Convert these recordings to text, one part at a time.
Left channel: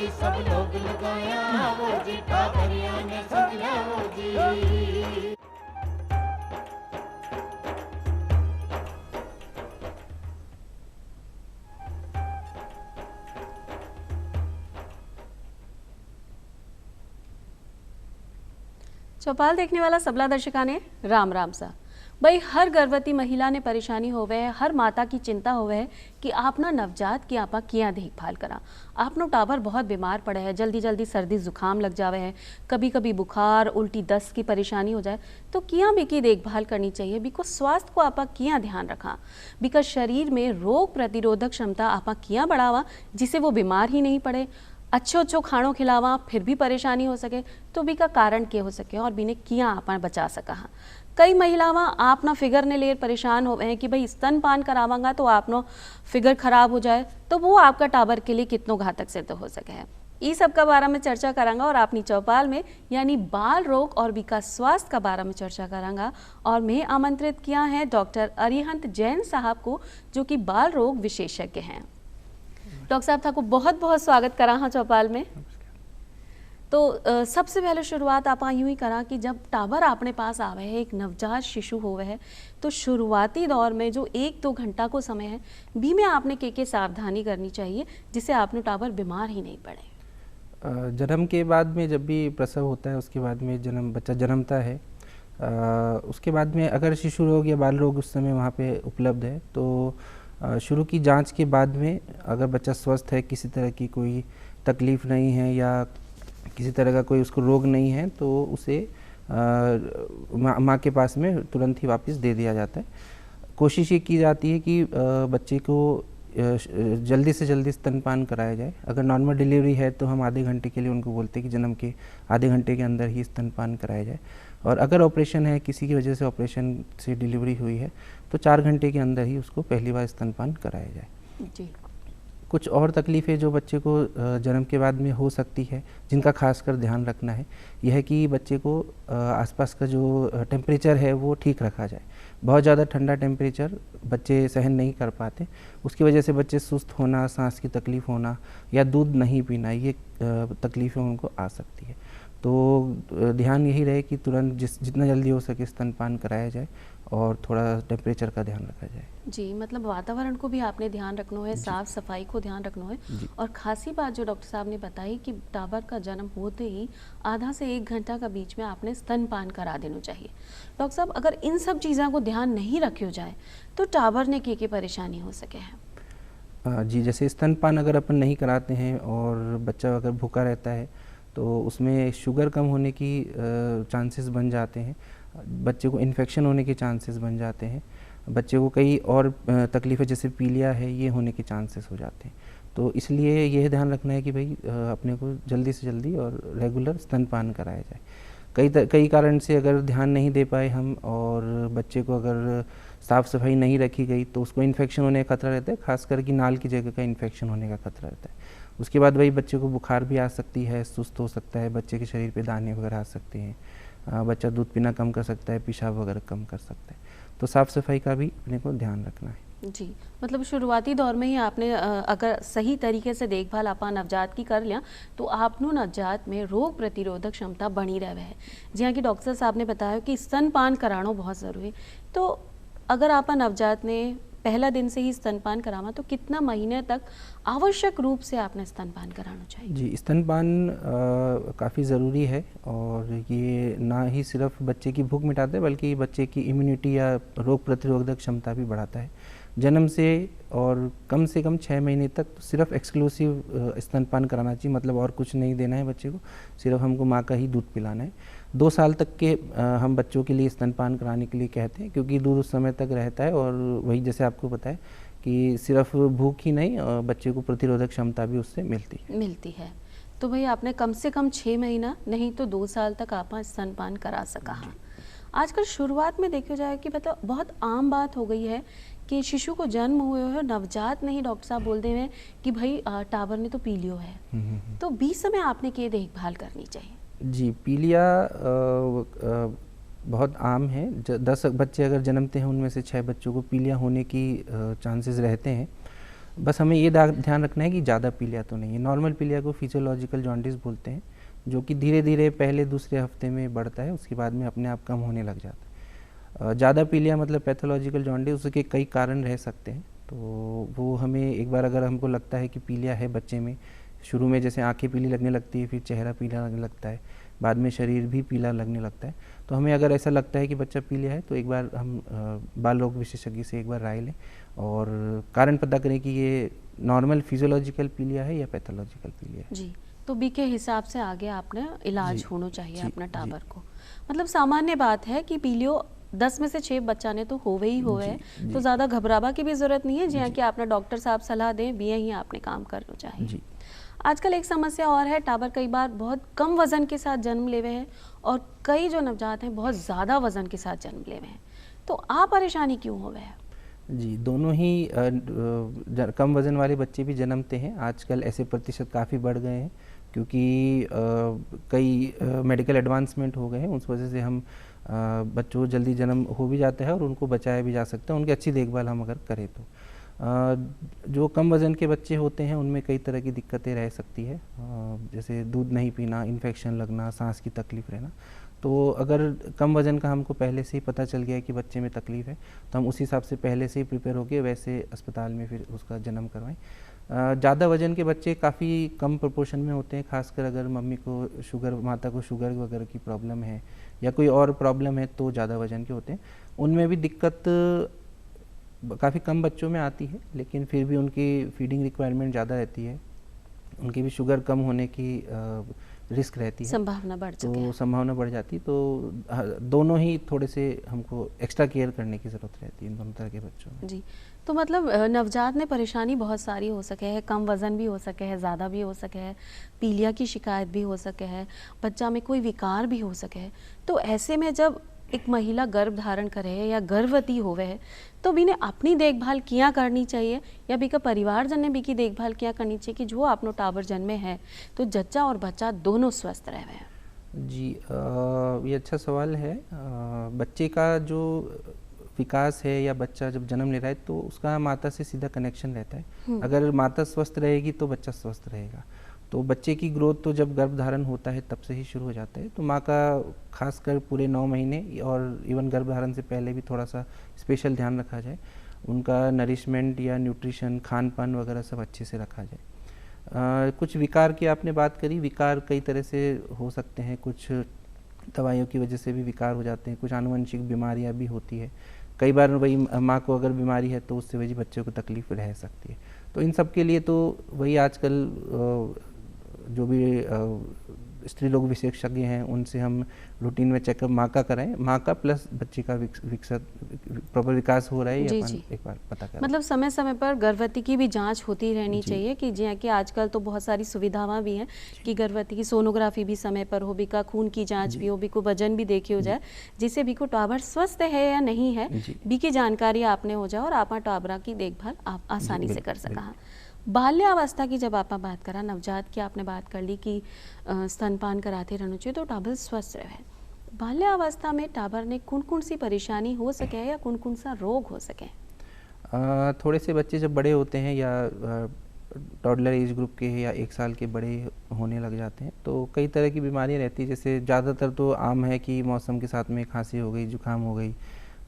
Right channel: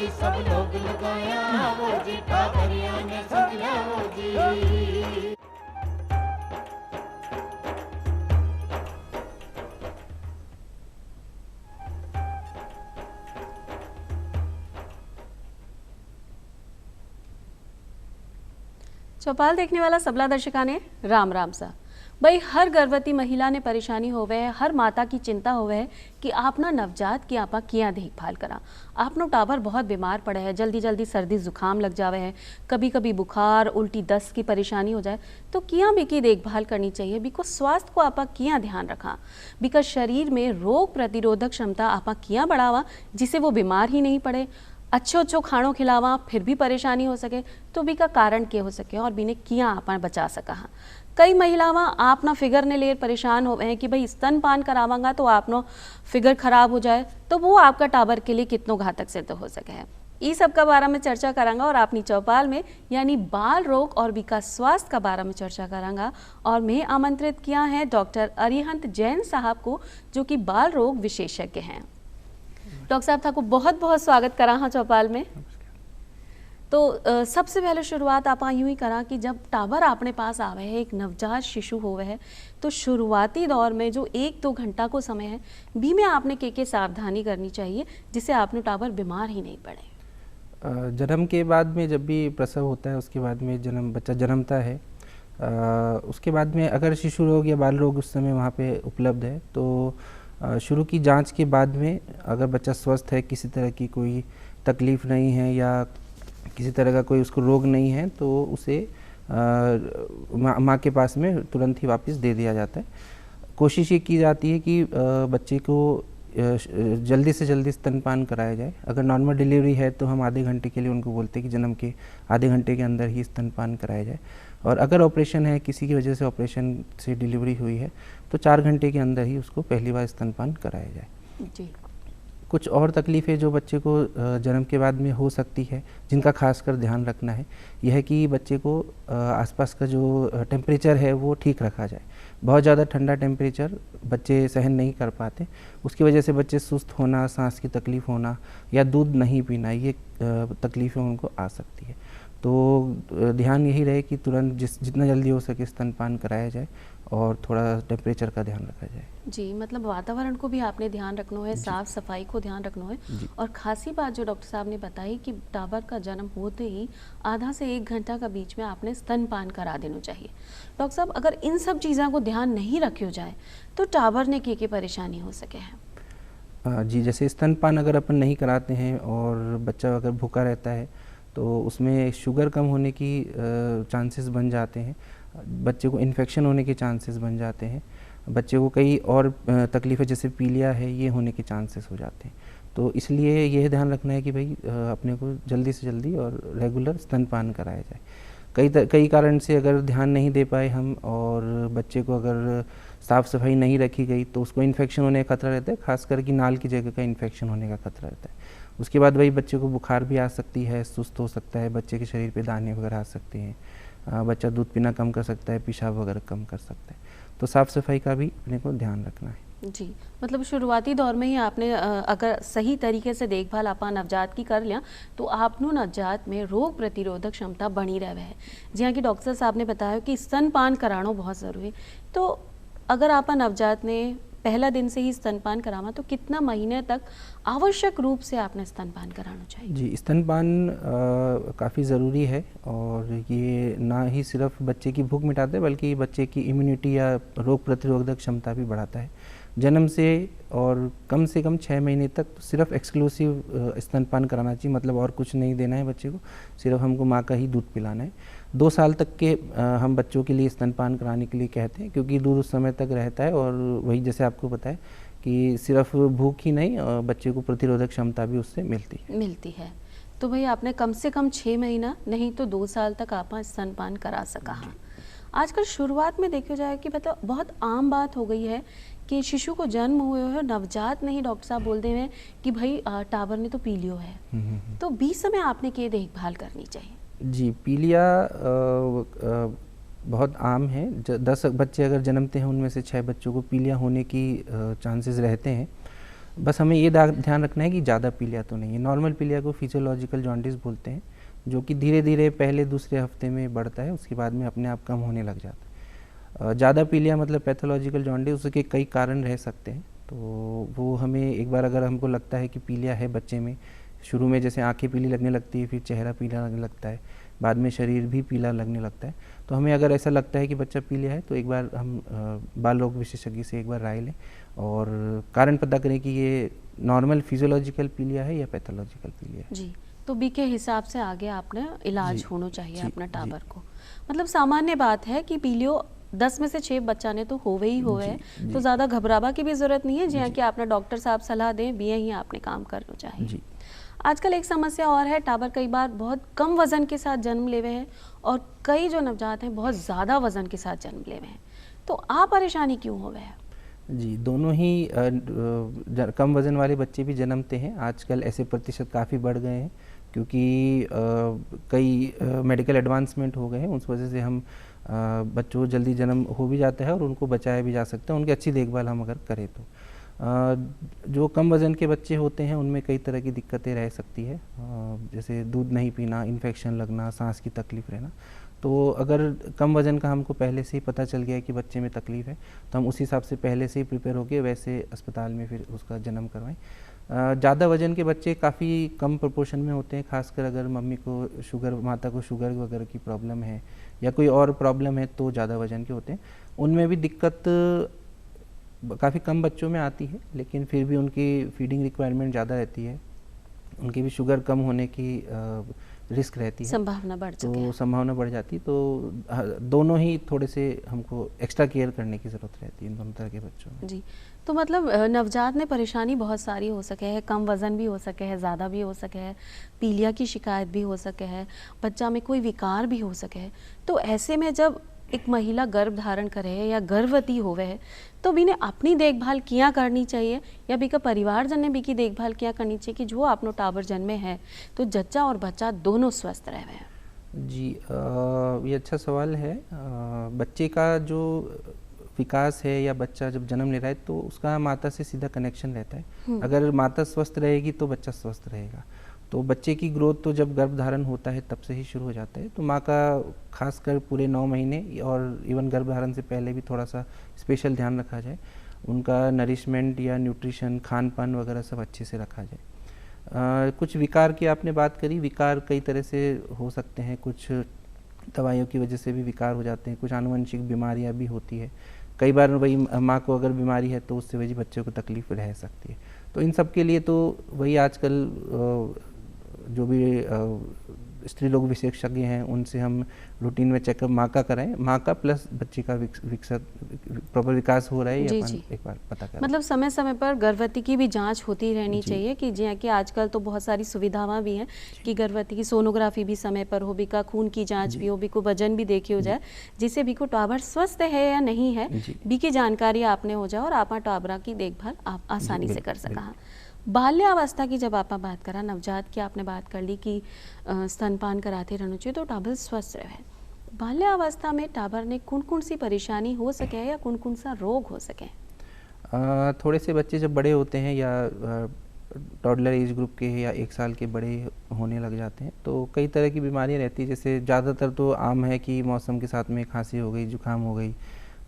जी, सब लोग लगाया हो जी, ठाकरिया ने सदिया हो जी। चौपाल देखने वाला सबला दर्शका ने राम राम सा। भाई हर गर्भवती महिला ने परेशानी होवे है, हर माता की चिंता होवे है कि आपना नवजात की आपा किया देखभाल करा। आपनो टाबर बहुत बीमार पड़े है, जल्दी जल्दी सर्दी जुकाम लग जावे है, कभी कभी बुखार उल्टी दस्त की परेशानी हो जाए, तो किया बिकी देखभाल करनी चाहिए। बिको स्वास्थ्य को आपा किया ध्यान रखा, बिका शरीर में रोग प्रतिरोधक क्षमता आपा किया बढ़ावा जिसे वो बीमार ही नहीं पड़े। अच्छो अच्छो खाणो खिलावा फिर भी परेशानी हो सके तो भी का कारण क्या हो सके और बिने किया आपा बचा सका। कई महिलावां आपना फिगर ने लेर परेशान हो हैं कि भाई स्तनपान करावांगा तो आपनो फिगर खराब हो जाए, तो वो आपका टाबर के लिए कितनो घातक सिद्ध हो सके है। ई सब का बारे में चर्चा करांगा और अपनी चौपाल में यानी बाल रोग और विकास स्वास्थ्य का बारे में चर्चा करांगा। और मैं आमंत्रित किया है डॉक्टर अरिहंत जैन साहब को, जो कि बाल रोग विशेषज्ञ हैं। डॉक्टर साहब था को बहुत बहुत स्वागत करा हाँ चौपाल में। तो सबसे पहले शुरुआत आप यूं ही करा कि जब टाबर अपने पास आवे है, एक नवजात शिशु होवे है, तो शुरुआती दौर में जो 1-2 घंटा को समय है भी में आपने के सावधानी करनी चाहिए जिससे आपने टाबर बीमार ही नहीं पड़े। जन्म के बाद में जब भी प्रसव होता है उसके बाद में बच्चा जन्मता है, उसके बाद में अगर शिशु रोग या बाल रोग उस समय वहाँ पे उपलब्ध है तो शुरू की जांच के बाद में अगर बच्चा स्वस्थ है, किसी तरह की कोई तकलीफ़ नहीं है या किसी तरह का कोई उसको रोग नहीं है, तो उसे माँ के पास में तुरंत ही वापस दे दिया जाता है। कोशिश ये की जाती है कि बच्चे को जल्दी से जल्दी स्तनपान कराया जाए। अगर नॉर्मल डिलीवरी है तो हम आधे घंटे के लिए उनको बोलते हैं कि जन्म के आधे घंटे के अंदर ही स्तनपान कराया जाए, और अगर ऑपरेशन है, किसी की वजह से ऑपरेशन से डिलीवरी हुई है, तो 4 घंटे के अंदर ही उसको पहली बार स्तनपान कराया जाए। जी। कुछ और तकलीफ़ें जो बच्चे को जन्म के बाद में हो सकती है, जिनका खासकर ध्यान रखना है, यह है कि बच्चे को आसपास का जो टेम्परेचर है वो ठीक रखा जाए। बहुत ज़्यादा ठंडा टेम्परेचर बच्चे सहन नहीं कर पाते, उसकी वजह से बच्चे सुस्त होना, सांस की तकलीफ़ होना या दूध नहीं पीना, ये तकलीफ़ें उनको आ सकती है। तो ध्यान यही रहे कि तुरंत जितना जल्दी हो सके स्तनपान कराया जाए और थोड़ा टेम्परेचर का ध्यान रखा जाए। जी, मतलब वातावरण को भी आपने ध्यान रखना है, साफ सफाई को ध्यान रखना है। और खासी बात जो डॉक्टर साहब ने बताई कि टाबर का जन्म होते ही आधा से 1 घंटा का बीच में आपने स्तनपान करा देना चाहिए। डॉक्टर साहब अगर इन सब चीज़ों को ध्यान नहीं रखियो जाए तो टाबर ने के परेशानी हो सके है। जी, जैसे स्तनपान अगर अपन नहीं कराते हैं और बच्चा अगर भूखा रहता है तो उसमें शुगर कम होने की चांसेस बन जाते हैं, बच्चे को इन्फेक्शन होने के चांसेस बन जाते हैं, बच्चे को कई और तकलीफ़ें जैसे पीलिया है ये होने के चांसेस हो जाते हैं। तो इसलिए यह ध्यान रखना है कि भाई अपने को जल्दी से जल्दी और रेगुलर स्तनपान कराया जाए। कई कारण से अगर ध्यान नहीं दे पाए हम और बच्चे को अगर साफ़ सफाई नहीं रखी गई तो उसको इन्फेक्शन होने का खतरा रहता है, खासकर कि नाल की जगह का इन्फेक्शन होने का खतरा रहता है। उसके बाद वही बच्चे को बुखार भी आ सकती है, सुस्त हो सकता है, बच्चे के शरीर पे दाने वगैरह आ सकते हैं, बच्चा दूध पीना कम कर सकता है, पेशाब वगैरह कम कर सकता है। तो साफ़ सफाई का भी अपने को ध्यान रखना है। जी, मतलब शुरुआती दौर में ही आपने अगर सही तरीके से देखभाल आपा नवजात की कर लिया तो आपनो नवजात में रोग प्रतिरोधक क्षमता बनी रहे है। जिया कि डॉक्टर साहब ने बताया कि स्तनपान कराना बहुत ज़रूरी है। तो अगर आपा नवजात ने पहला दिन से ही स्तनपान करावा तो कितना महीने तक आवश्यक रूप से आपने स्तनपान कराना चाहिए? जी, स्तनपान काफ़ी ज़रूरी है और ये ना ही सिर्फ बच्चे की भूख मिटाता है बल्कि बच्चे की इम्यूनिटी या रोग प्रतिरोधक क्षमता भी बढ़ाता है। जन्म से और कम से कम 6 महीने तक सिर्फ एक्सक्लूसिव स्तनपान कराना चाहिए, मतलब और कुछ नहीं देना है बच्चे को, सिर्फ हमको माँ का ही दूध पिलाना है। 2 साल तक के हम बच्चों के लिए स्तनपान कराने के लिए कहते हैं, क्योंकि दूध उस समय तक रहता है और वही जैसे आपको बताया कि सिर्फ भूख ही नहीं, बच्चे को प्रतिरोधक क्षमता भी उससे मिलती है। तो भाई आपने कम से कम 6 महीना नहीं तो 2 साल तक आप स्तनपान करा सका है। आजकल शुरुआत में देखा जाए कि मतलब बहुत आम बात हो गई है कि शिशु को जन्म हुए है, नवजात नहीं डॉक्टर साहब बोलते हैं कि भाई टाबर ने तो पी लियो है, तो 20 समय आपने क्या देखभाल करनी चाहिए? जी, पीलिया बहुत आम है। 10 बच्चे अगर जन्मते हैं उनमें से 6 बच्चों को पीलिया होने की चांसेस रहते हैं। बस हमें ये ध्यान रखना है कि ज़्यादा पीलिया तो नहीं है। नॉर्मल पीलिया को फिजियोलॉजिकल जॉन्डिस बोलते हैं, जो कि धीरे धीरे पहले दूसरे हफ्ते में बढ़ता है, उसके बाद में अपने आप कम होने लग जाता है। ज़्यादा पीलिया मतलब पैथोलॉजिकल जॉन्डिस, उसके कई कारण रह सकते हैं। तो वो हमें एक बार अगर हमको लगता है कि पीलिया है बच्चे में, शुरू में जैसे आंखें पीली लगने लगती है, फिर चेहरा पीला लगने लगता है, बाद में शरीर भी पीला लगने लगता है, तो हमें अगर ऐसा लगता है कि बच्चा पीलिया है तो एक बार हम बाल रोग विशेषज्ञ से एक बार राय लें और कारण पता करें कि ये नॉर्मल फिजियोलॉजिकल पीलिया है या पैथोलॉजिकल पीलिया है। जी, तो बी के हिसाब से आगे आपने इलाज जी, होना चाहिए जी, अपना जी। टाबर को। मतलब सामान्य बात है कि पीलियो 10 में से 6 बच्चा ने तो होवे ही होवे जी, है, जी। तो ज़्यादा घबरावा की भी ज़रूरत नहीं है, जिया जी। कि आपने डॉक्टर साहब सलाह दें बिया ही आपने काम करना चाहिए। जी। आजकल एक समस्या और है, टाबर कई बार बहुत कम वजन के साथ जन्म लेवे हैं और कई जो नवजात हैं बहुत ज़्यादा वजन के साथ जन्म लेवे हैं, तो आ परेशानी क्यों होवे है? जी, दोनों ही कम वज़न वाले बच्चे भी जन्मते हैं। आजकल ऐसे प्रतिशत काफ़ी बढ़ गए हैं, क्योंकि कई मेडिकल एडवांसमेंट हो गए हैं। उस वजह से हम बच्चों को जल्दी जन्म हो भी जाता है और उनको बचाया भी जा सकता है, उनकी अच्छी देखभाल हम अगर करें तो। जो कम वज़न के बच्चे होते हैं उनमें कई तरह की दिक्कतें रह सकती है, जैसे दूध नहीं पीना, इन्फेक्शन लगना, सांस की तकलीफ़ रहना। तो अगर कम वज़न का हमको पहले से ही पता चल गया है कि बच्चे में तकलीफ़ है, तो हम उस हिसाब से पहले से ही प्रिपेयर होके वैसे अस्पताल में फिर उसका जन्म करवाएं। ज़्यादा वज़न के बच्चे काफ़ी कम प्रोपोर्शन में होते हैं, खासकर अगर मम्मी को शुगर, माता को शुगर वगैरह की प्रॉब्लम है या कोई और प्रॉब्लम है तो ज़्यादा वज़न के होते हैं। उनमें भी दिक्कत काफ़ी कम बच्चों में आती है, लेकिन फिर भी उनकी फीडिंग रिक्वायरमेंट ज़्यादा रहती है, उनकी भी शुगर कम होने की रिस्क रहती है, संभावना बढ़ चुकी तो है। संभावना बढ़ जाती है। तो दोनों ही थोड़े से हमको एक्स्ट्रा केयर करने की ज़रूरत रहती है इन दोनों तरह के बच्चों में। जी, तो मतलब नवजात में परेशानी बहुत सारी हो सके है, कम वज़न भी हो सके है, ज़्यादा भी हो सके है, पीलिया की शिकायत भी हो सके है, बच्चा में कोई विकार भी हो सके है। तो ऐसे में जब एक महिला गर्भ धारण करे है या गर्भवती होवे है, तो बिने अपनी देखभाल किया करनी चाहिए या बिका परिवारजन ने बी की देखभाल किया करनी चाहिए कि जो आपनो टाबर जन्मे है तो जच्चा और बच्चा दोनों स्वस्थ रहे। जी, ये अच्छा सवाल है। बच्चे का जो विकास है या बच्चा जब जन्म ले रहा है तो उसका माता से सीधा कनेक्शन रहता है। अगर माता स्वस्थ रहेगी तो बच्चा स्वस्थ रहेगा। तो बच्चे की ग्रोथ तो जब गर्भ धारण होता है तब से ही शुरू हो जाता है। तो माँ का खासकर पूरे 9 महीने और इवन गर्भ धारण से पहले भी थोड़ा सा स्पेशल ध्यान रखा जाए, उनका नरिशमेंट या न्यूट्रिशन, खान पान वगैरह सब अच्छे से रखा जाए। कुछ विकार की आपने बात करी, विकार कई तरह से हो सकते हैं, कुछ दवाइयों की वजह से भी विकार हो जाते हैं, कुछ आनुवंशिक बीमारियां भी होती है। कई बार वही माँ को अगर बीमारी है तो उससे वही बच्चे को तकलीफ रह सकती है। तो इन सब के लिए तो वही आजकल जो भी स्त्री लोग विशेषज्ञ हैं उनसे हम रूटीन में चेकअप माँ का कराएं, माँ का प्लस बच्चे का प्रॉपर विकास हो रहा है जी, या जी। एक बार पता करें। मतलब समय समय पर गर्भवती की भी जांच होती रहनी जी। चाहिए कि जिया कि आजकल तो बहुत सारी सुविधाएं भी हैं कि गर्भवती की सोनोग्राफी भी समय पर हो, बिका खून की जांच भी हो, बिको वजन भी देखी हो जाए, जिससे बिको टाबर स्वस्थ है या नहीं है जी। बी की जानकारी आपने हो जाए और आप टाबरा की देखभाल आप आसानी से कर बिल्कुल, सका। बाल्यावस्था की जब आप बात करा, नवजात की आपने बात कर ली कि स्तनपान कराते रहना चाहिए तो टाबर स्वस्थ रहे। बाल्यावस्था में टाबर ने कौन कौन सी परेशानी हो सके या कौन कौन सा रोग हो सके? थोड़े से बच्चे जब बड़े होते हैं या टॉडलर एज ग्रुप के या 1 साल के बड़े होने लग जाते हैं तो कई तरह की बीमारियां रहती है। जैसे ज़्यादातर तो आम है कि मौसम के साथ में खांसी हो गई, जुकाम हो गई,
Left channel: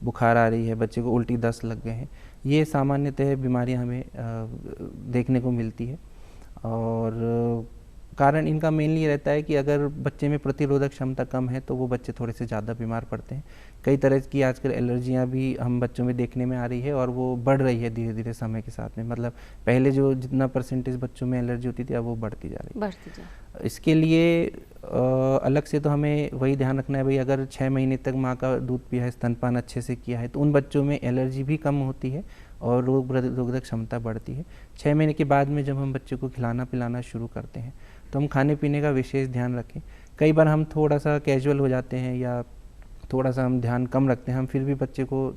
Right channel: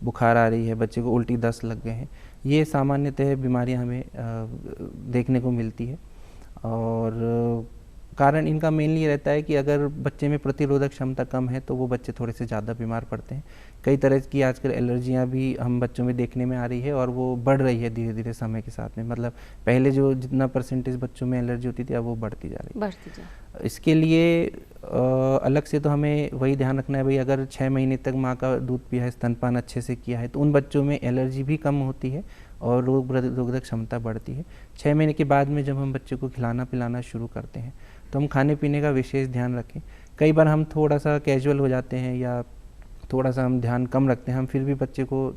बुखार आ रही है, बच्चे को उल्टी दस्त लग गए हैं। ये सामान्यतः बीमारियां हमें देखने को मिलती है और कारण इनका मेनली रहता है कि अगर बच्चे में प्रतिरोधक क्षमता कम है तो वो बच्चे थोड़े से ज़्यादा बीमार पड़ते हैं। कई तरह की आजकल एलर्जियां भी हम बच्चों में देखने में आ रही है और वो बढ़ रही है धीरे धीरे समय के साथ में। मतलब पहले जो जितना परसेंटेज बच्चों में एलर्जी होती थी अब वो बढ़ती जा रही है। बढ़ती जाए। इसके लिए अलग से तो हमें वही ध्यान रखना है, भाई अगर 6 महीने तक माँ का दूध पिया है, स्तनपान अच्छे से किया है तो उन बच्चों में एलर्जी भी कम होती है और रोग प्रतिरोधक क्षमता बढ़ती है। 6 महीने के बाद में जब हम बच्चे को खिलाना पिलाना शुरू करते हैं तो हम खाने पीने का विशेष ध्यान रखें। कई बार हम थोड़ा सा कैजुअल हो जाते हैं या थोड़ा सा हम ध्यान कम रखते हैं, हम फिर भी बच्चे को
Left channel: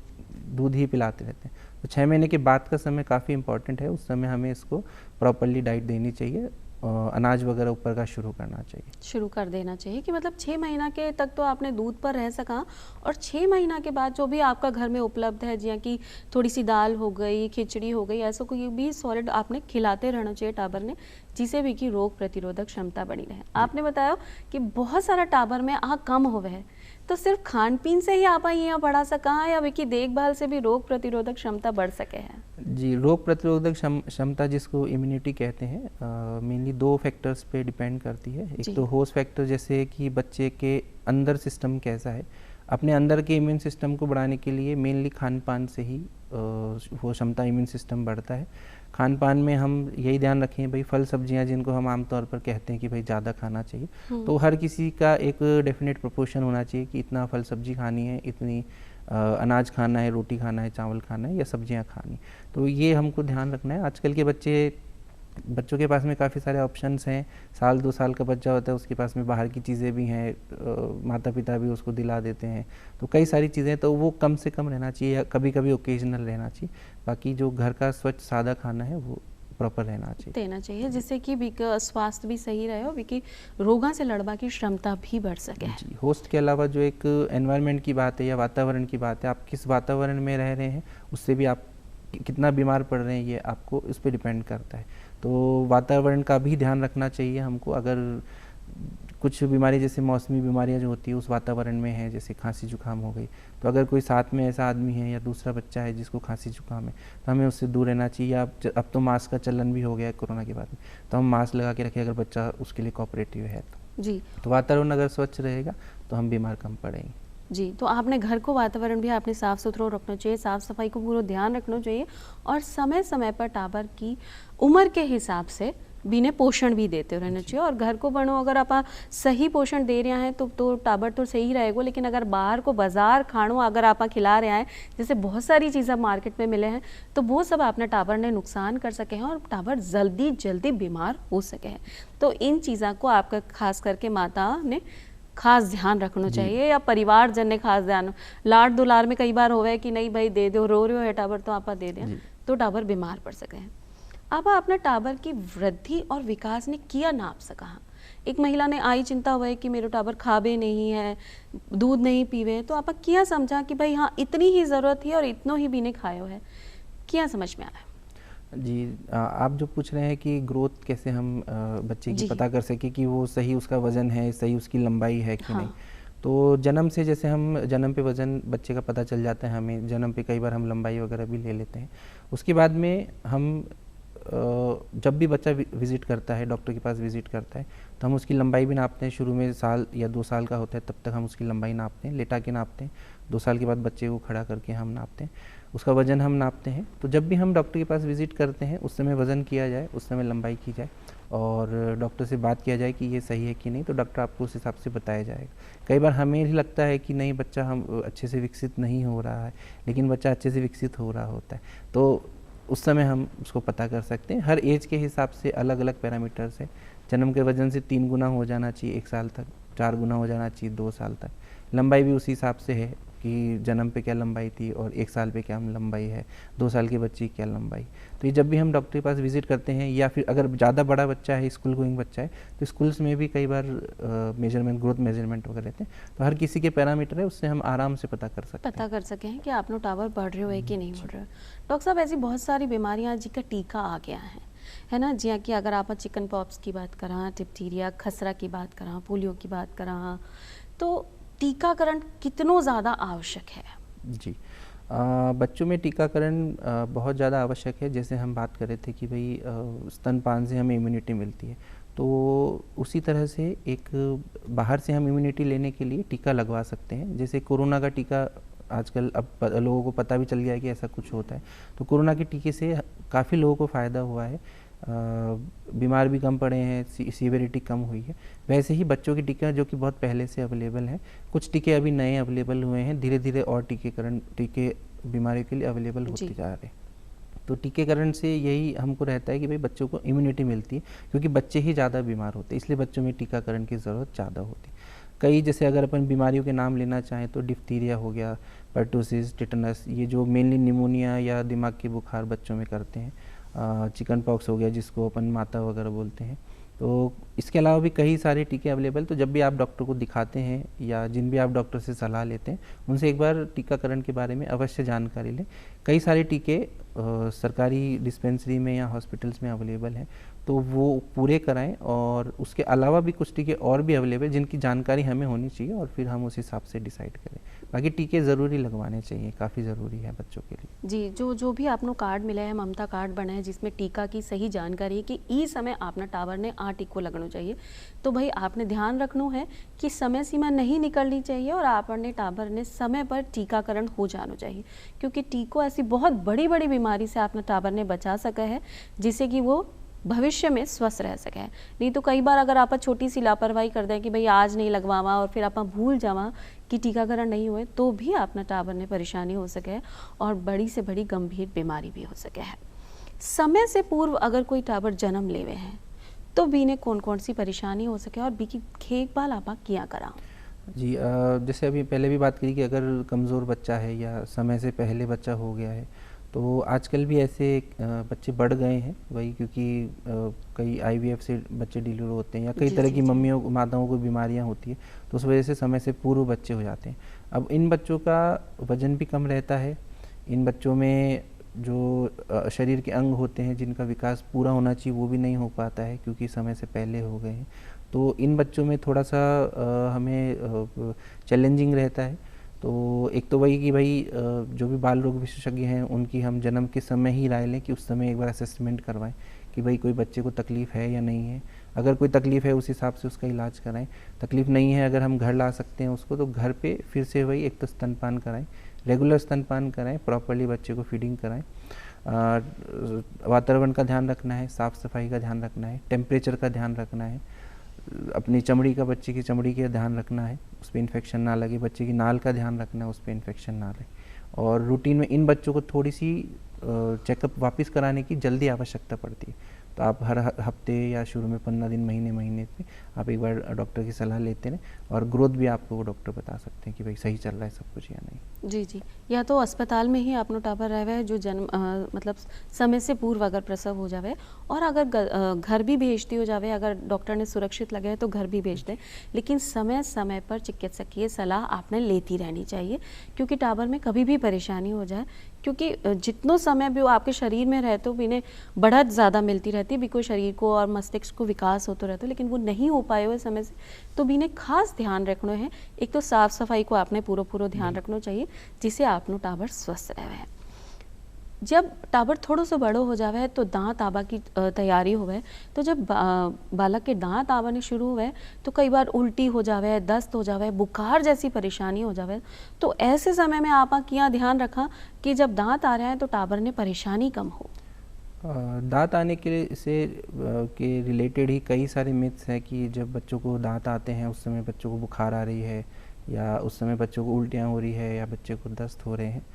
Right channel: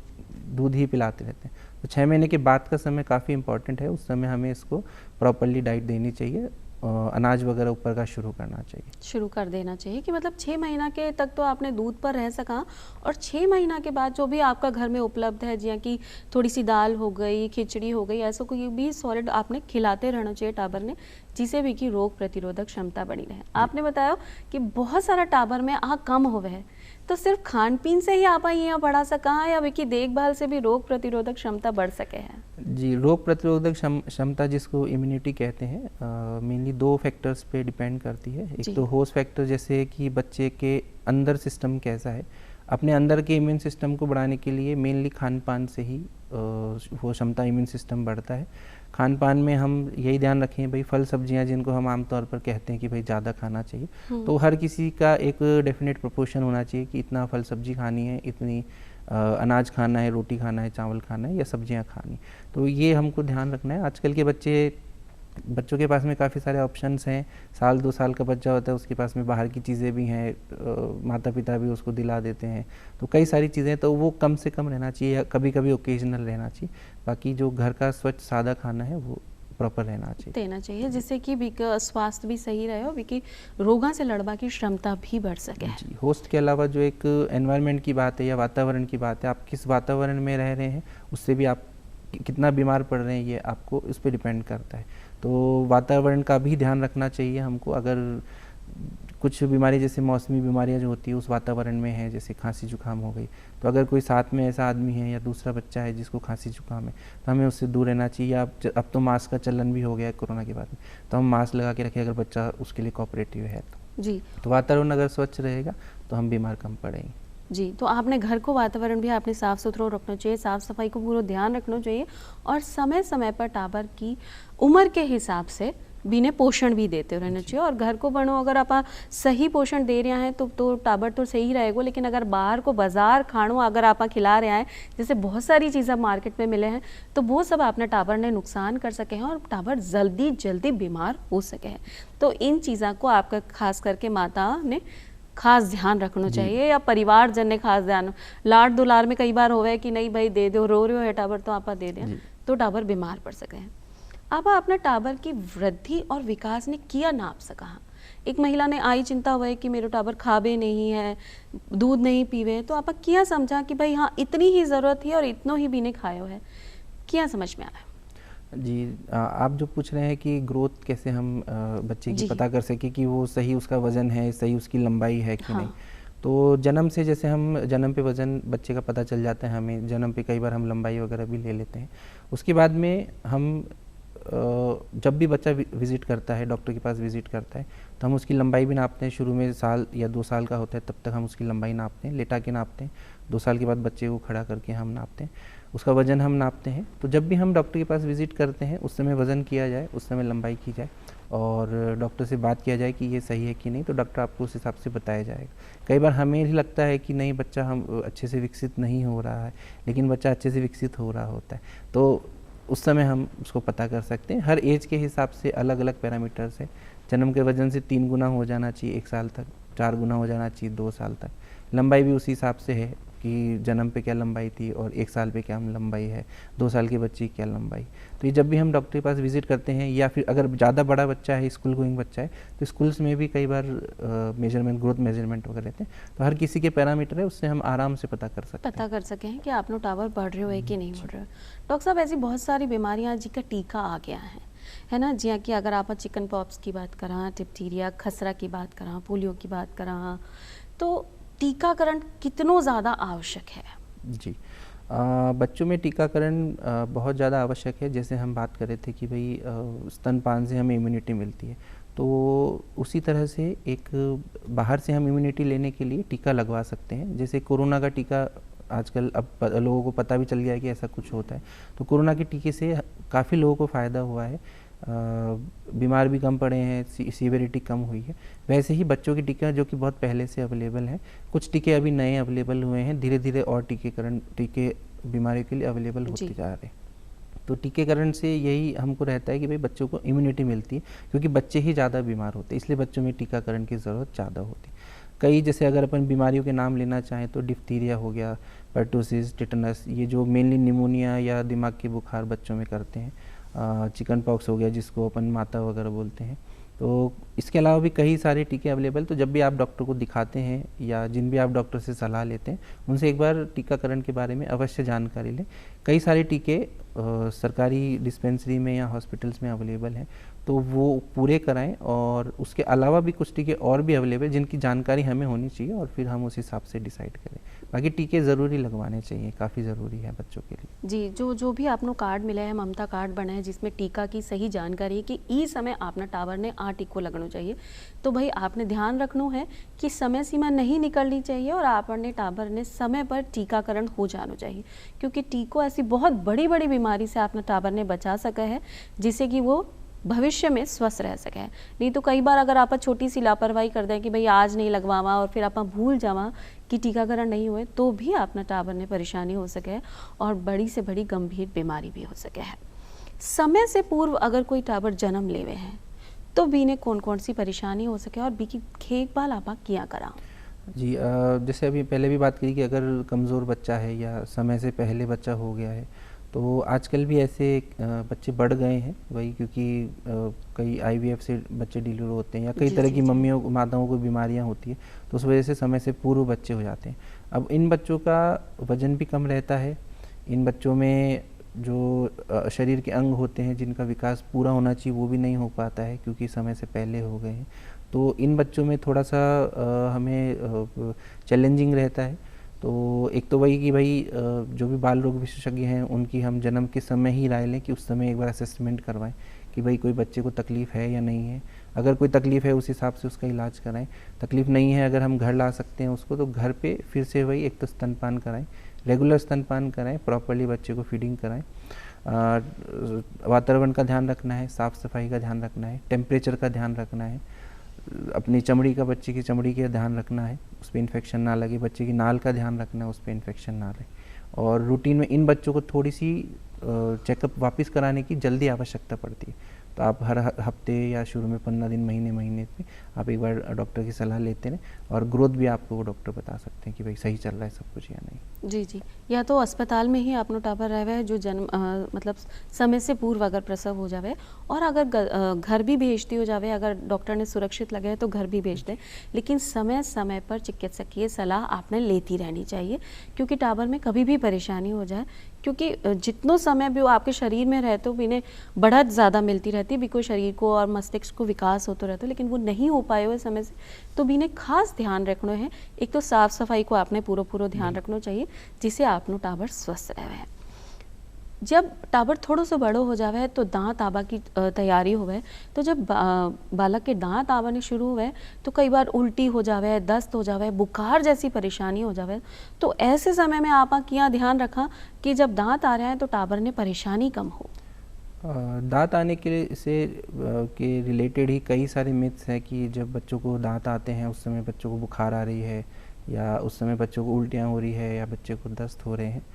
दूध ही पिलाते रहते हैं। तो 6 महीने के बाद का समय काफ़ी इंपॉर्टेंट है, उस समय हमें इसको प्रॉपरली डाइट देनी चाहिए अनाज वगैरह ऊपर का शुरू करना चाहिए। शुरू कर देना चाहिए कि मतलब 6 महीना के तक तो आपने दूध पर रह सका, और 6 महीना के बाद जो भी आपका घर में उपलब्ध है, जियां कि थोड़ी सी दाल हो गई, खिचड़ी हो गई, ऐसा कोई भी सॉलिड आपने खिलाते रहना चाहिए टाबर ने, जिसे भी कि रोग प्रतिरोधक क्षमता बनी रहे। आपने बताया कि बहुत सारा टाबर में आ कम होवे है, तो सिर्फ खान पीन से ही आप यहाँ बढ़ा सका है या विकी देखभाल से भी रोग प्रतिरोधक क्षमता बढ़ सके हैं? जी, रोग प्रतिरोधक क्षमता जिसको इम्यूनिटी कहते हैं, मेनली 2 फैक्टर्स पे डिपेंड करती है। एक तो होस्ट फैक्टर, जैसे कि बच्चे के अंदर सिस्टम कैसा है। अपने अंदर के इम्यून सिस्टम को बढ़ाने के लिए मेनली खान पान से ही वो क्षमता, इम्यून सिस्टम बढ़ता है। खान पान में हम यही ध्यान रखें भाई, फल सब्जियां जिनको हम आमतौर पर कहते हैं कि भाई ज़्यादा खाना चाहिए, तो हर किसी का एक डेफिनेट प्रोपोर्शन होना चाहिए कि इतना फल सब्जी खानी है, इतनी अनाज खाना है, रोटी खाना है, चावल खाना है या सब्जियां खानी। तो ये हमको ध्यान रखना है। आजकल के बच्चों के पास में काफ़ी सारे ऑप्शंस हैं। 1-2 साल का बच्चा होता है, उसके पास में बाहर की चीज़ें भी हैं, माता पिता भी उसको दिला देते हैं, तो कई सारी चीज़ें, तो वो कम से कम रहना चाहिए या कभी कभी ओकेजनल रहना चाहिए। बाकी जो घर का स्वच्छ सादा खाना है वो प्रॉपर रहना चाहिए, देना चाहिए, जिससे कि स्वास्थ्य भी सही रहे और विकी रोगा से लड़वा की क्षमता भी बढ़ सके। जी, होस्ट के अलावा जो एक एनवायरनमेंट की बात है या वातावरण की बात है, आप किस वातावरण में रह रहे हैं उससे भी आप कितना बीमार पड़ रहे हैं, ये आपको इस पे डिपेंड करता है। तो वातावरण का भी ध्यान रखना चाहिए हमको। अगर कुछ बीमारी, जैसे मौसमी बीमारियां जो होती है उस वातावरण में है, जैसे खांसी जुकाम हो गई, तो अगर कोई साथ में ऐसा आदमी है या दूसरा बच्चा है जिसको खांसी जुकाम है, तो हमें उससे दूर रहना चाहिए। अब तो मास्क का चलन भी हो गया है कोरोना के बाद में, तो हम मास्क लगा के रखें अगर बच्चा उसके लिए कोऑपरेटिव है जी। तो वातावरण अगर स्वच्छ रहेगा तो हम बीमार कम पड़ेंगे। जी, तो आपने घर को वातावरण भी आपने साफ़ सुथरा रखना चाहिए, साफ़ सफाई को पूरा ध्यान रखना चाहिए, और समय समय पर टाबर की उम्र के हिसाब से बिने पोषण भी देते रहना चाहिए। और घर को बनो अगर आप सही पोषण दे रहे हैं तो टाबर तो सही रहेगा, लेकिन अगर बाहर को बाजार खाणो अगर आप खिला रहे हैं, जैसे बहुत सारी चीज़ें मार्केट में मिले हैं, तो वो सब आपने टाबर ने नुकसान कर सके हैं और टाबर जल्दी बीमार हो सके हैं। तो इन चीज़ों को आपका खास करके माता ने खास ध्यान रखना चाहिए, या परिवार जन ने खास ध्यान। लाड दुलार में कई बार होवे कि नहीं भाई दे दो, रो रहे हो है टाबर तो आप दे दें, तो टाबर बीमार पड़ सके हैं। आप अपने टाबर की वृद्धि और विकास ने किया नाप सका। एक महिला ने आई चिंता हुआ है कि मेरे टाबर खाबे नहीं है, दूध नहीं पीवे, तो आप किया समझा कि भाई हाँ इतनी ही ज़रूरत है और इतनो ही भी ने खायो है, क्या समझ में आया? जी, आप जो पूछ रहे हैं कि ग्रोथ कैसे हम बच्चे की पता कर सके कि वो सही उसका वज़न है, सही उसकी लंबाई है कि नहीं। तो जन्म से, जैसे हम जन्म पे वज़न बच्चे का पता चल जाता है हमें, जन्म पे कई बार हम लंबाई वगैरह भी ले लेते हैं। उसके बाद में हम जब भी बच्चा विज़िट करता है, डॉक्टर के पास विज़िट करता है, तो हम उसकी लंबाई भी नापते हैं। शुरू में 1 या 2 साल का होता है तब तक हम उसकी लंबाई नापते हैं, लेटा के नापते हैं। 2 साल के बाद बच्चे को खड़ा करके हम नापते हैं, उसका वज़न हम नापते हैं। तो जब भी हम डॉक्टर के पास विज़िट करते हैं उस समय वज़न किया जाए, उस समय लंबाई की जाए और डॉक्टर से बात किया जाए कि ये सही है कि नहीं, तो डॉक्टर आपको उस हिसाब से बताया जाएगा। कई बार हमें ही लगता है कि नहीं बच्चा हम अच्छे से विकसित नहीं हो रहा है, लेकिन बच्चा अच्छे से विकसित हो रहा होता है, तो उस समय हम उसको पता कर सकते हैं। हर एज के हिसाब से अलग अलग पैरामीटर्स हैं। जन्म के वजन से 3 गुना हो जाना चाहिए 1 साल तक, 4 गुना हो जाना चाहिए 2 साल तक। लंबाई भी उसी हिसाब से है कि जन्म पे क्या लंबाई थी और 1 साल पे क्या लंबाई है, 2 साल के बच्चे की क्या लंबाई। तो ये जब भी हम डॉक्टर के पास विज़िट करते हैं, या फिर अगर ज़्यादा बड़ा बच्चा है, स्कूल गोइंग बच्चा है, तो स्कूल्स में भी कई बार मेजरमेंट, ग्रोथ मेजरमेंट वगैरह रहते हैं, तो हर किसी के पैरामीटर है, उससे हम आराम से पता कर सकते हैं कि आप लोग टावर बढ़ रहे हो है कि नहीं बढ़ रहे हो। डॉक्टर साहब, ऐसी बहुत सारी बीमारियाँ जिनका टीका आ गया है ना, जिया कि अगर आप चिकन पॉक्स की बात करा, डिप्थीरिया, खसरा की बात करा, पोलियो की बात करा, तो टीकाकरण कितनो ज़्यादा आवश्यक है? जी, बच्चों में टीकाकरण बहुत ज़्यादा आवश्यक है। जैसे हम बात कर रहे थे कि भाई स्तनपान से हमें इम्यूनिटी मिलती है, तो उसी तरह से एक बाहर से हम इम्यूनिटी लेने के लिए टीका लगवा सकते हैं। जैसे कोरोना का टीका आजकल अब लोगों को पता भी चल गया है कि ऐसा कुछ होता है, तो कोरोना के टीके से काफ़ी लोगों को फ़ायदा हुआ है, बीमार भी कम पड़े हैं, सीवियरिटी कम हुई है। वैसे ही बच्चों के टीके जो कि बहुत पहले से अवेलेबल हैं, कुछ टीके अभी नए अवेलेबल हुए हैं, धीरे धीरे और टीके बीमारी के लिए अवेलेबल होते जा रहे हैं। तो टीकाकरण से यही हमको रहता है कि भाई बच्चों को इम्यूनिटी मिलती है, क्योंकि बच्चे ही ज़्यादा बीमार होते हैं, इसलिए बच्चों में टीकाकरण की ज़रूरत ज़्यादा होती है। कई, जैसे अगर अपन बीमारियों के नाम लेना चाहें तो डिप्थीरिया हो गया, पर्टूसिस, टिटनस, ये जो मेनली निमोनिया या दिमाग के बुखार बच्चों में करते हैं। चिकन पॉक्स हो गया जिसको अपन माता वगैरह बोलते हैं, तो इसके अलावा भी कई सारे टीके अवेलेबल, तो जब भी आप डॉक्टर को दिखाते हैं या जिन भी आप डॉक्टर से सलाह लेते हैं उनसे एक बार टीकाकरण के बारे में अवश्य जानकारी लें। कई सारे टीके सरकारी डिस्पेंसरी में या हॉस्पिटल्स में अवेलेबल हैं, तो वो पूरे कराएं। और उसके अलावा भी कुछ टीके और भी अवेलेबल जिनकी जानकारी हमें होनी चाहिए और फिर हम उस हिसाब से डिसाइड करें। बाकी टीके ज़रूरी लगवाने चाहिए, काफ़ी ज़रूरी है बच्चों के लिए। जी, जो भी आपनो कार्ड मिला है, ममता कार्ड बना है जिसमें टीका की सही जानकारी है कि ई समय आपना टावर ने आ टीको लगना चाहिए, तो भाई आपने ध्यान रखना है कि समय सीमा नहीं निकलनी चाहिए और आपने टावर ने समय पर टीकाकरण हो जाना चाहिए, क्योंकि टीको ऐसी बहुत बड़ी बड़ी बीमारी से आपने टावर ने बचा सका है जिससे कि वो भविष्य में स्वस्थ रह सके। नहीं तो कई बार अगर आप छोटी सी लापरवाही कर दें कि भाई आज नहीं लगवावा और फिर आप भूल जावा कि टीकाकरण नहीं हुए, तो भी आपने टावर ने परेशानी हो सके और बड़ी से बड़ी गंभीर बीमारी भी हो सके है। समय से पूर्व अगर कोई टावर जन्म लेवे है तो बीने कौन कौन सी परेशानी हो सके और बी की देखभाल आप किया करा? जी, जैसे अभी पहले भी बात करी कि अगर कमज़ोर बच्चा है या समय से पहले बच्चा हो गया है, तो आजकल भी ऐसे बच्चे बढ़ गए हैं वही, क्योंकि कई आईवीएफ से बच्चे डिलीवर होते हैं या कई तरह की मम्मियों माताओं को बीमारियां होती है, तो उस वजह से समय से पूर्व बच्चे हो जाते हैं। अब इन बच्चों का वज़न भी कम रहता है, इन बच्चों में जो शरीर के अंग होते हैं जिनका विकास पूरा होना चाहिए वो भी नहीं हो पाता है क्योंकि समय से पहले हो गए हैं। तो इन बच्चों में थोड़ा सा हमें चैलेंजिंग रहता है। तो एक तो वही कि भाई जो भी बाल रोग विशेषज्ञ हैं उनकी हम जन्म के समय ही राय लें कि उस समय एक बार असेसमेंट करवाएं कि भाई कोई बच्चे को तकलीफ़ है या नहीं है। अगर कोई तकलीफ़ है उस हिसाब से उसका इलाज कराएं। तकलीफ़ नहीं है, अगर हम घर ला सकते हैं उसको, तो घर पे फिर से वही एक तो स्तनपान कराएं, रेगुलर स्तनपान कराएं, प्रॉपर्ली बच्चे को फीडिंग कराएं। वातावरण का ध्यान रखना है, साफ़ सफाई का ध्यान रखना है, टेम्परेचर का ध्यान रखना है, अपनी चमड़ी का, बच्चे की चमड़ी का ध्यान रखना है, उस पर इन्फेक्शन ना लगे, बच्चे की नाल का ध्यान रखना है, उस पर इन्फेक्शन ना लगे। और रूटीन में इन बच्चों को थोड़ी सी चेकअप वापस कराने की जल्दी आवश्यकता पड़ती है, तो आप हर हफ्ते या शुरू में 15 दिन, महीने पे आप एक बार डॉक्टर की सलाह लेते हैं और ग्रोथ भी आपको वो डॉक्टर बता सकते हैं कि भाई सही चल रहा है सब कुछ या नहीं। जी जी, या तो अस्पताल में ही आपनो टावर रहे है जो जन्म मतलब समय से पूर्व अगर प्रसव हो जावे, और अगर घर भी भेजती हो जावे, अगर डॉक्टर ने सुरक्षित लगे तो घर भी भेज दे, लेकिन समय समय पर चिकित्सकीय सलाह आपने लेती रहनी चाहिए, क्योंकि टावर में कभी भी परेशानी हो जाए, क्योंकि जितनो समय भी वो आपके शरीर में रहे तो इन्हें बढ़त ज़्यादा मिलती रहती है, भी कोई शरीर को और मस्तिष्क को विकास होता रहता है, लेकिन वो नहीं हो पाए हुए समय से, तो भी इन्हें खास ध्यान रखना है। एक तो साफ सफाई को आपने पूरा ध्यान रखना चाहिए जिससे आपनो टावर स्वस्थ रहे। जब टावर थोड़ा सा बड़ो हो जावे तो दांत आबा की तैयारी होवे, तो जब बालक के दांत आवाने शुरू हुए तो कई बार उल्टी हो जावे, दस्त हो जावे, बुखार जैसी परेशानी हो जावे, तो ऐसे समय में आप क्या ध्यान रखा कि जब दांत आ रहे हैं तो टावर ने परेशानी कम हो? दांत आने के से के रिलेटेड ही कई सारे मिथ्स हैं कि जब बच्चों को दांत आते हैं उस समय बच्चों को बुखार आ रही है, या उस समय बच्चों को उल्टियाँ हो रही है, या बच्चे को दस्त हो रहे हैं।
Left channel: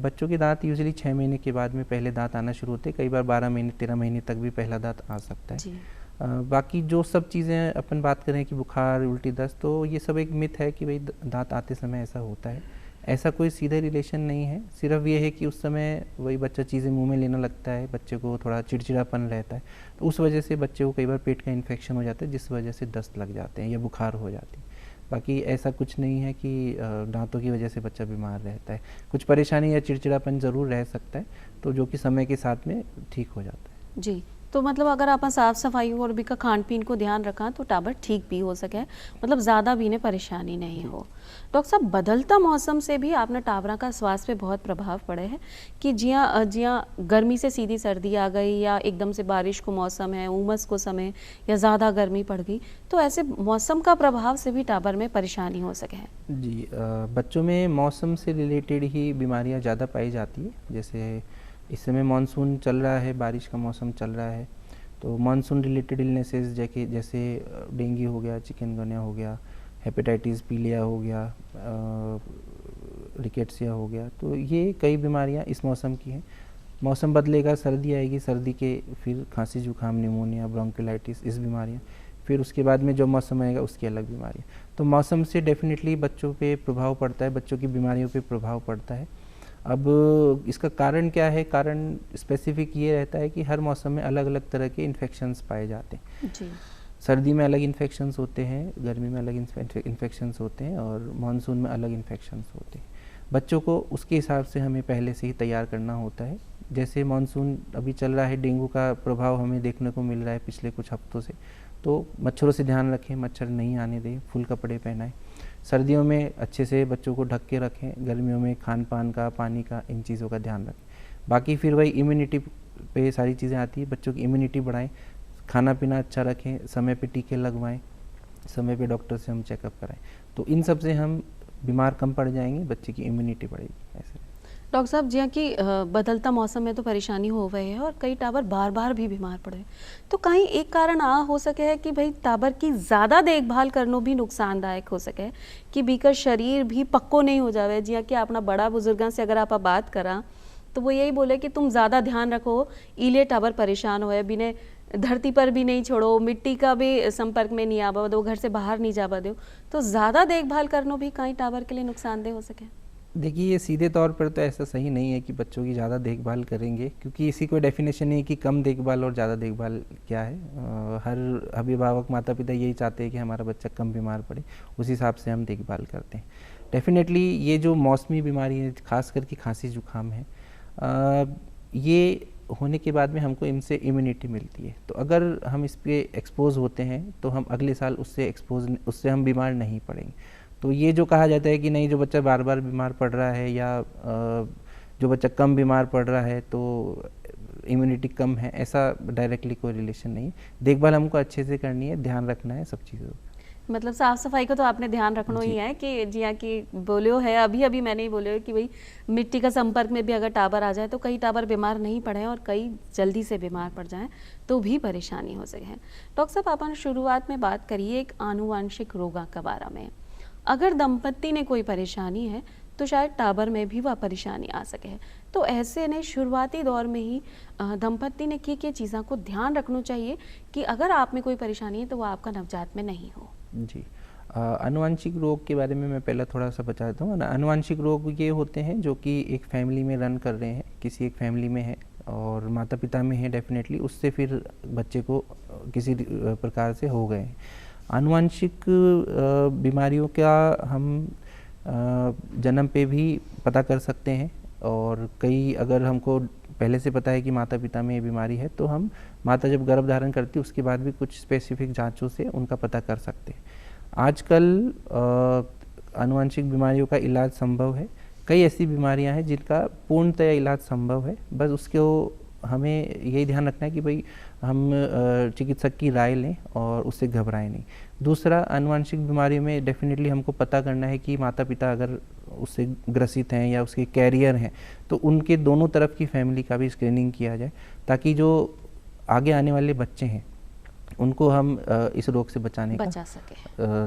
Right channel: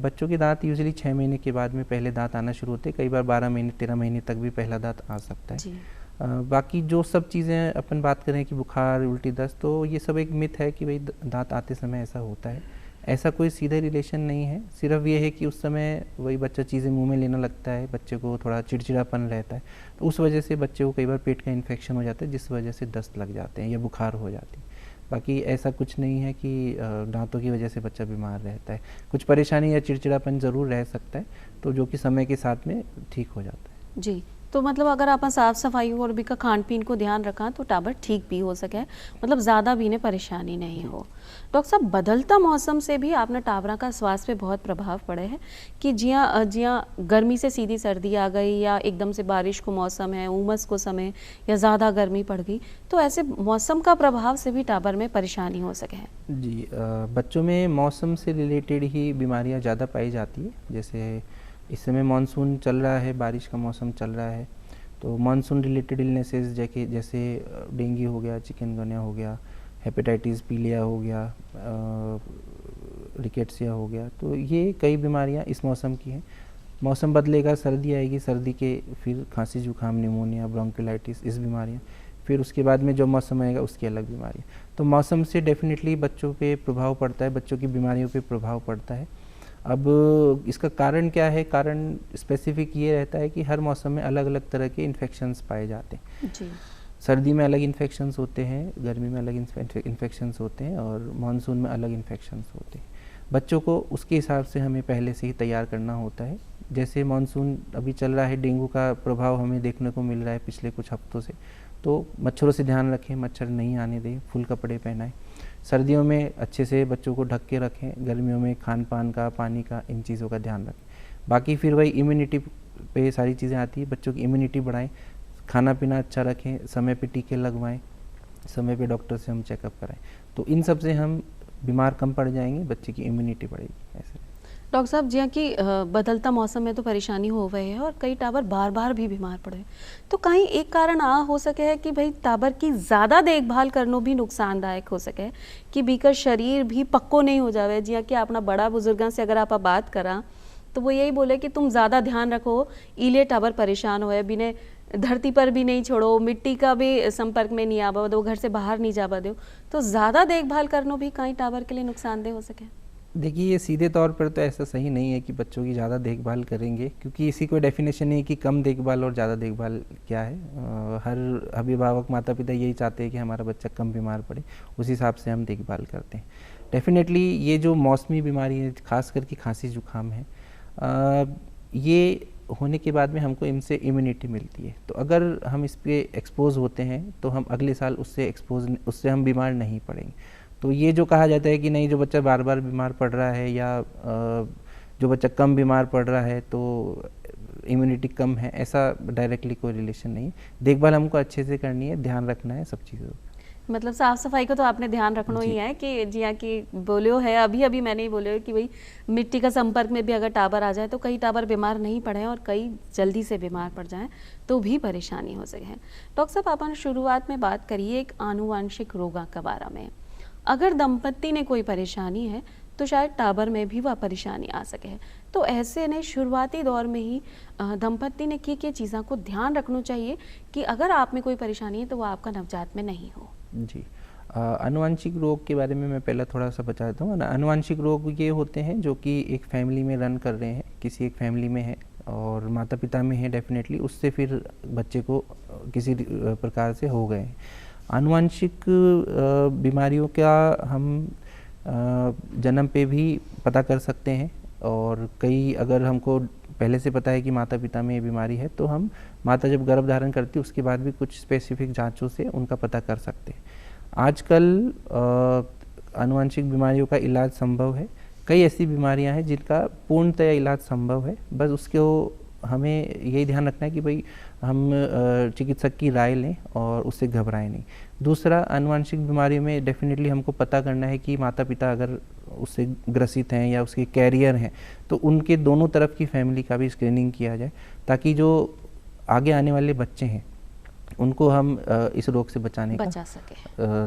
बच्चों के दांत यूजुअली 6 महीने के बाद में पहले दांत आना शुरू होते हैं, कई बार 12 महीने 13 महीने तक भी पहला दांत आ सकता है। बाकी जो सब चीज़ें अपन बात करें कि बुखार, उल्टी, दस्त, तो ये सब एक मिथ है कि भाई दांत आते समय ऐसा होता है। ऐसा कोई सीधा रिलेशन नहीं है, सिर्फ ये है कि उस समय वही बच्चा चीज़ें मुंह में लेने लगता है, बच्चे को थोड़ा चिड़चिड़ापन रहता है, तो उस वजह से बच्चे को कई बार पेट का इन्फेक्शन हो जाता है जिस वजह से दस्त लग जाते हैं या बुखार हो जाती है। बाकी ऐसा कुछ नहीं है कि दांतों की वजह से बच्चा बीमार रहता है। कुछ परेशानी या चिड़चिड़ापन ज़रूर रह सकता है, तो जो कि समय के साथ में ठीक हो जाता है। जी, तो मतलब अगर आप साफ सफाई और भी का खान पीन को ध्यान रखा तो टावर ठीक भी हो सके, मतलब ज़्यादा भी ने परेशानी नहीं हो। डॉक्टर साहब, बदलता मौसम से भी आपने टावरा का स्वास्थ्य पे बहुत प्रभाव पड़े है कि जिया गर्मी से सीधी सर्दी आ गई, या एकदम से बारिश को मौसम है, उमस को समय, या ज़्यादा गर्मी पड़ गई, तो ऐसे मौसम का प्रभाव से भी टावर में परेशानी हो सके है? जी, बच्चों में मौसम से रिलेटेड ही बीमारियाँ ज़्यादा पाई जाती है। जैसे इस समय मानसून चल रहा है, बारिश का मौसम चल रहा है, तो मानसून रिलेटेड इलनेसेस जैसे डेंगू हो गया, चिकनगुनिया हो गया, हेपेटाइटिस पीलिया हो गया, रिकेट्सिया हो गया, तो ये कई बीमारियां इस मौसम की हैं। मौसम बदलेगा, सर्दी आएगी, सर्दी के फिर खांसी जुकाम, निमोनिया, ब्रोंकोलाइटिस, इस बीमारियां, फिर उसके बाद में जो मौसम आएगा उसकी अलग बीमारियां। तो मौसम से डेफिनेटली बच्चों पे प्रभाव पड़ता है, बच्चों की बीमारियों पे प्रभाव पड़ता है। अब इसका कारण क्या है? कारण स्पेसिफिक ये रहता है कि हर मौसम में अलग अलग तरह के इन्फेक्शंस पाए जाते हैं। जी। सर्दी में अलग इन्फेक्शंस होते हैं, गर्मी में अलग इन्फेक्शंस होते हैं और मानसून में अलग इन्फेक्शंस होते हैं। बच्चों को उसके हिसाब से हमें पहले से ही तैयार करना होता है। जैसे मानसून अभी चल रहा है, डेंगू का प्रभाव हमें देखने को मिल रहा है पिछले कुछ हफ्तों से, तो मच्छरों से ध्यान रखें, मच्छर नहीं आने दें, फुल कपड़े पहनाएं। सर्दियों में अच्छे से बच्चों को ढक के रखें, गर्मियों में खान पान का, पानी का, इन चीज़ों का ध्यान रखें। बाकी फिर वही इम्यूनिटी पे सारी चीज़ें आती है। बच्चों की इम्यूनिटी बढ़ाएं, खाना पीना अच्छा रखें, समय पे टीके लगवाएं, समय पे डॉक्टर से हम चेकअप कराएं। तो इन सब से हम बीमार कम पड़ जाएंगे, बच्चे की इम्यूनिटी बढ़ेगी। ऐसे डॉक्टर साहब, जियां कि बदलता मौसम में तो परेशानी हो गई है और कई टाबर बार बार भी बीमार पड़े, तो कहीं एक कारण आ हो सके है कि भाई टाबर की ज़्यादा देखभाल करना भी नुकसानदायक हो सके कि बीकर शरीर भी पक्को नहीं हो जावे। जियां कि अपना बड़ा बुजुर्गों से अगर आप बात करा तो वो यही बोले कि तुम ज़्यादा ध्यान रखो, इले टाबर परेशान होए, बिने धरती पर भी नहीं छोड़ो, मिट्टी का भी संपर्क में नहीं आवा दो, घर से बाहर नहीं जावा दो, तो ज़्यादा देखभाल करना भी कहीं टाबर के लिए नुकसानदेह हो सके। देखिए, ये सीधे तौर पर तो ऐसा सही नहीं है कि बच्चों की ज़्यादा देखभाल करेंगे, क्योंकि इसी कोई डेफिनेशन नहीं है कि कम देखभाल और ज़्यादा देखभाल क्या है। हर अभिभावक, माता पिता यही चाहते हैं कि हमारा बच्चा कम बीमार पड़े, उस हिसाब से हम देखभाल करते हैं। डेफिनेटली ये जो मौसमी बीमारी है, खास करके खांसी जुकाम है, ये होने के बाद में हमको इनसे इम्यूनिटी मिलती है। तो अगर हम इस पे एक्सपोज होते हैं तो हम अगले साल उससे हम बीमार नहीं पड़ेंगे। तो ये जो कहा जाता है कि नहीं, जो बच्चा बार बार बीमार पड़ रहा है या जो बच्चा कम बीमार पड़ रहा है तो इम्यूनिटी कम है, ऐसा डायरेक्टली कोई रिलेशन नहीं। देखभाल हमको अच्छे से करनी है, ध्यान रखना है सब चीज़ों का। मतलब साफ सफाई को तो आपने ध्यान रखना जी। ही है कि जिया कि बोलियो है, अभी नहीं ही बोलियो कि भाई मिट्टी का संपर्क में भी अगर टाबर आ जाए तो कई टाबर बीमार नहीं पड़े और कई जल्दी से बीमार पड़ जाएं तो भी परेशानी हो सके। डॉक्टर साहब, आपने शुरुआत में बात करिए एक आनुवांशिक रोग के बारे में। अगर दंपत्ति ने कोई परेशानी है तो शायद टाबर में भी वह परेशानी आ सके। तो ऐसे ने शुरुआती दौर में ही दंपत्ति ने की चीज़ों को ध्यान रखना चाहिए कि अगर आप में कोई परेशानी है तो वह आपका नवजात में नहीं हो। जी, आनुवांशिक रोग के बारे में मैं पहले थोड़ा सा बता देता हूँ। आनुवांशिक रोग ये होते हैं जो कि एक फैमिली में रन कर रहे हैं, किसी एक फैमिली में है और माता पिता में है डेफिनेटली, उससे फिर बच्चे को किसी प्रकार से हो गए हैं। आनुवांशिक बीमारियों का हम जन्म पे भी पता कर सकते हैं और कई, अगर हमको पहले से पता है कि माता पिता में ये बीमारी है तो हम माता जब गर्भ धारण करती है उसके बाद भी कुछ स्पेसिफिक जांचों से उनका पता कर सकते हैं। आजकल आनुवांशिक बीमारियों का इलाज संभव है। कई ऐसी बीमारियां हैं जिनका पूर्णतः इलाज संभव है, बस उसको हमें यही ध्यान रखना है कि भाई हम चिकित्सक की राय लें और उससे घबराएं नहीं। दूसरा, आनुवांशिक बीमारियों में डेफिनेटली हमको पता करना है कि माता पिता अगर उससे ग्रसित हैं या उसके कैरियर हैं तो उनके दोनों तरफ की फैमिली का भी स्क्रीनिंग किया जाए, ताकि जो आगे आने वाले बच्चे हैं उनको हम इस रोग से बचा सके,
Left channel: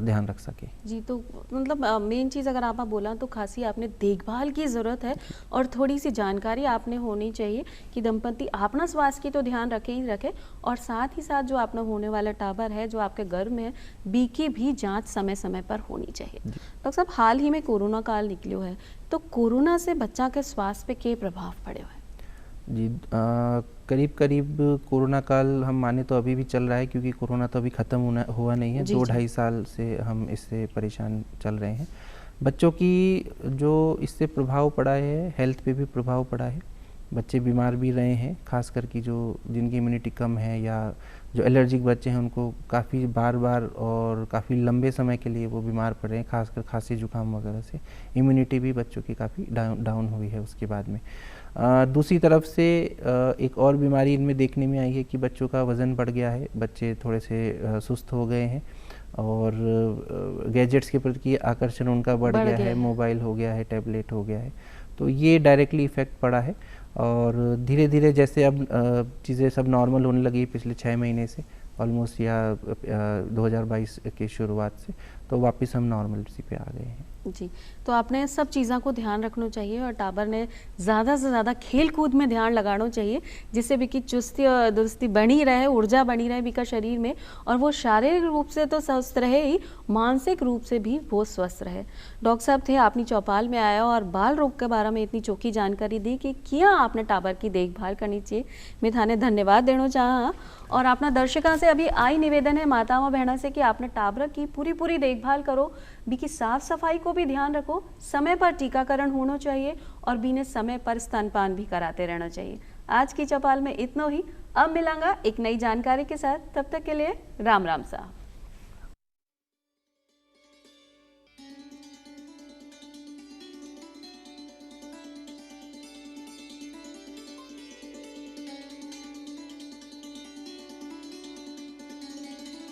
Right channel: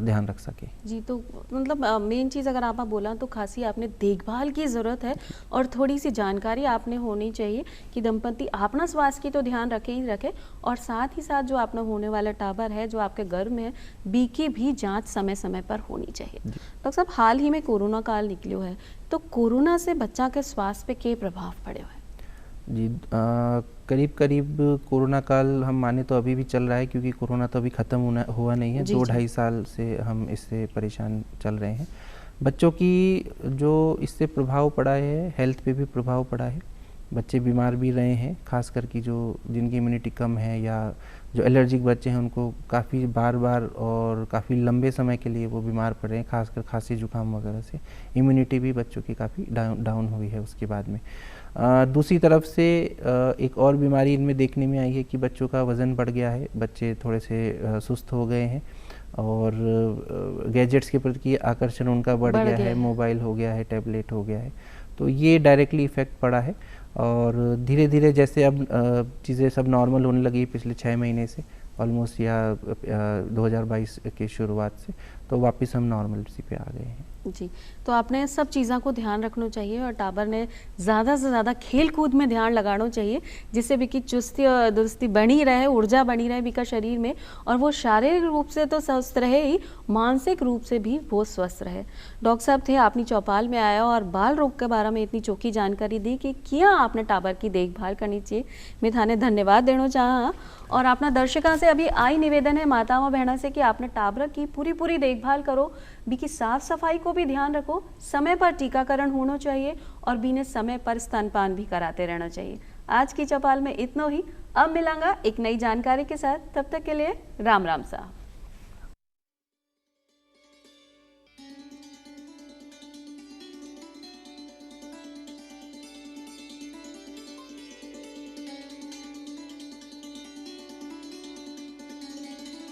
ध्यान रख सके। जी, तो मतलब मेन चीज़ अगर आप बोला तो खासी आपने देखभाल की ज़रूरत है और थोड़ी सी जानकारी आपने होनी चाहिए कि दंपति अपना स्वास्थ्य की तो ध्यान रखे ही रखे और साथ ही साथ जो आपने होने वाला टाबर है जो आपके गर्भ में है, बी की भी जांच समय समय पर होनी चाहिए। डॉक्टर साहब, हाल ही में कोरोना काल निकलियो है, तो कोरोना से बच्चा के स्वास्थ्य पे क्या प्रभाव पड़े हुए? जी, करीब करीब कोरोना काल हम माने तो अभी भी चल रहा है, क्योंकि कोरोना तो अभी ख़त्म हुआ नहीं है। 2-2.5 साल से हम इससे परेशान चल रहे हैं। बच्चों की जो इससे प्रभाव पड़ा है, हेल्थ पे भी प्रभाव पड़ा है। बच्चे बीमार भी रहे हैं, खास करके जो जिनकी इम्यूनिटी कम है या जो एलर्जिक बच्चे हैं उनको काफ़ी बार बार और काफ़ी लंबे समय के लिए वो बीमार पड़े हैं, खासकर खांसी जुकाम वगैरह से। इम्यूनिटी भी बच्चों की काफ़ी डाउन हुई है उसके बाद में। दूसरी तरफ से एक और बीमारी इनमें देखने में आई है कि बच्चों का वज़न बढ़ गया है, बच्चे थोड़े से सुस्त हो गए हैं और गैजेट्स के प्रति आकर्षण उनका बढ़ गया है, मोबाइल हो गया है, टैबलेट हो गया है, तो ये डायरेक्टली इफ़ेक्ट पड़ा है। और धीरे धीरे जैसे अब चीज़ें सब नॉर्मल होने लगी पिछले 6 महीने से ऑलमोस्ट, या 2022 की शुरुआत से, तो वापस हम नॉर्मल सी पे आ गए हैं। जी, तो आपने सब चीज़ों को ध्यान रखना चाहिए और टाबर ने ज़्यादा से ज़्यादा खेल कूद में ध्यान लगाना चाहिए, जिससे भी कि चुस्ती और दुरुस्ती बनी रहे, ऊर्जा बनी रहे भी का शरीर में, और वो शारीरिक रूप से तो स्वस्थ रहे ही, मानसिक रूप से भी वो स्वस्थ रहे। डॉक्टर साहब थे आपनी चौपाल में आया और बाल रोग के बारे में इतनी चौकी जानकारी दी कि क्या आपने टाबर की देखभाल करनी चाहिए। मैं थाने धन्यवाद देना चाहा और अपना दर्शकों से अभी आई निवेदन है माताओं बहनों से कि आपने टाबर की पूरी देखभाल करो, बी की साफ सफाई को भी ध्यान रखो, समय पर टीकाकरण होना चाहिए और बीने समय पर स्तनपान भी कराते रहना चाहिए। आज की चौपाल में इतना ही, अब मिलांगा एक नई जानकारी के साथ, तब तक के लिए राम राम साहब।